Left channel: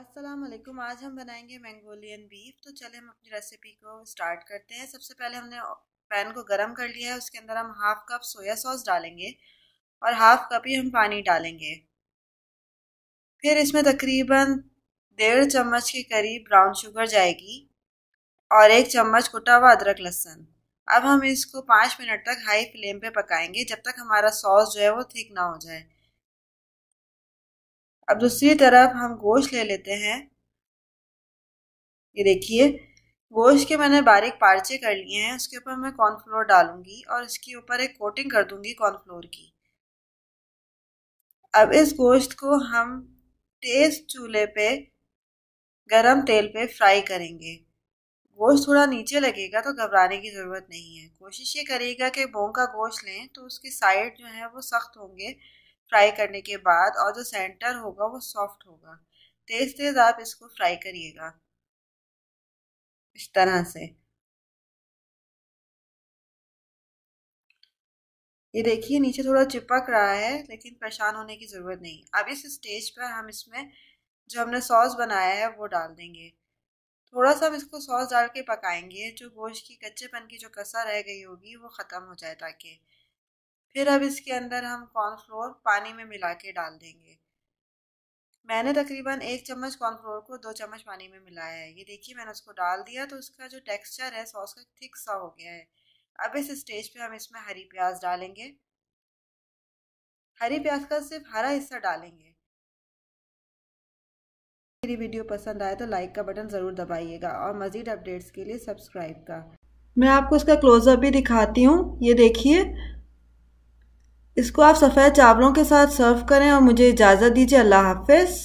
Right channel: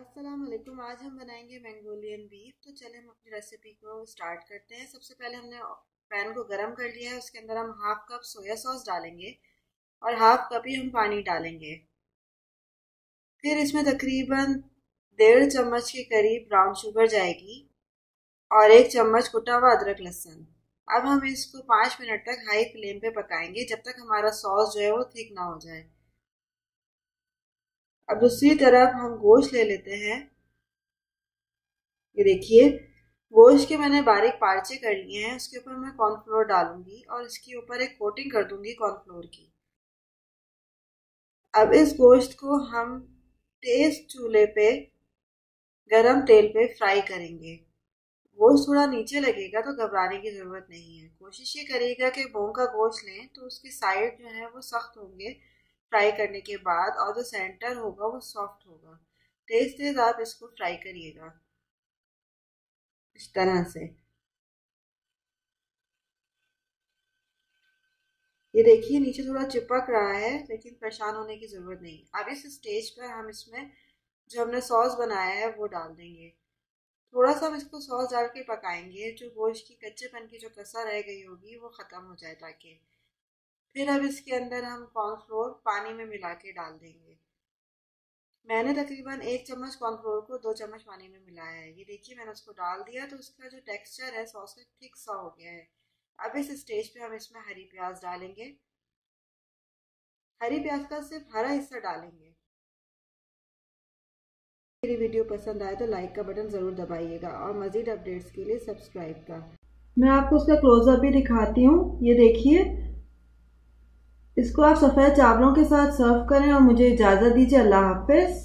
अस्सलाम वालेकुम। आज हम बनाएंगे मंगोलियन बीफ। तो चले हम अपनी रेसिपी को स्टार्ट करते हैं। सबसे पहले हमने पैन को गरम कर लिया है। उसके अंदर हम हाफ कप सोया सॉस डालेंगे और हाफ कप ही हम पानी डालेंगे। फिर इसमें तकरीबन 1.5 चम्मच के करीब ब्राउन शुगर जाएगी और 1 चम्मच कुटा हुआ अदरक लहसुन। अब हम इसको 5 मिनट तक हाई फ्लेम पे पकाएंगे जब तक हमारा सॉस जो है वो थिक ना हो जाए। अब दूसरी तरफ हम गोश्त ले लेते हैं। ये देखिए, गोश्त के मैंने बारीक पार्चे कर लिए हैं। उसके ऊपर मैं कॉर्नफ्लोर डालूंगी और इसके ऊपर एक कोटिंग कर दूंगी कॉर्नफ्लोर की। अब इस गोश्त को हम तेज चूल्हे पे गरम तेल पे फ्राई करेंगे। गोश्त थोड़ा नीचे लगेगा तो घबराने की ज़रूरत नहीं है। कोशिश ये करिएगा कि बोन का गोश्त लें तो उसकी साइड जो है वो सख्त होंगे फ्राई करने के बाद, और जो सेंटर होगा वो सॉफ्ट होगा। तेज़ तेज़ आप इसको फ्राई करिएगा इस तरह से। ये देखिए, नीचे थोड़ा चिपक रहा है लेकिन परेशान होने की ज़रूरत नहीं। अब इस स्टेज पर हम इसमें जो हमने सॉस बनाया है वो डाल देंगे। थोड़ा सा हम इसको सॉस डाल के पकाएंगे, जो गोश्त की कच्चेपन की जो कसर रह गई होगी वो ख़त्म हो जाए ताकि। फिर अब इसके अंदर हम कॉर्नफ्लोर पानी में मिला के डाल देंगे। मैंने तकरीबन 1 चम्मच कॉर्नफ्लोर को 2 चम्मच पानी में मिलाया है। ये देखिए, मैंने उसको डाल दिया तो उसका जो टेक्सचर है सॉस का थिक सा हो गया है। अब इस स्टेज पे हम इसमें हरी प्याज डालेंगे। हरी प्याज का सिर्फ हरा हिस्सा डालेंगे। मेरी वीडियो पसंद आए तो लाइक का बटन ज़रूर दबाइएगा और मज़ीद अपडेट्स के लिए सब्सक्राइब का। मैं आपको इसका क्लोजअप भी दिखाती हूँ। ये देखिए, इसको आप सफ़ेद चावलों के साथ सर्व करें और मुझे इजाज़त दीजिए। अल्लाह हाफ़िज़।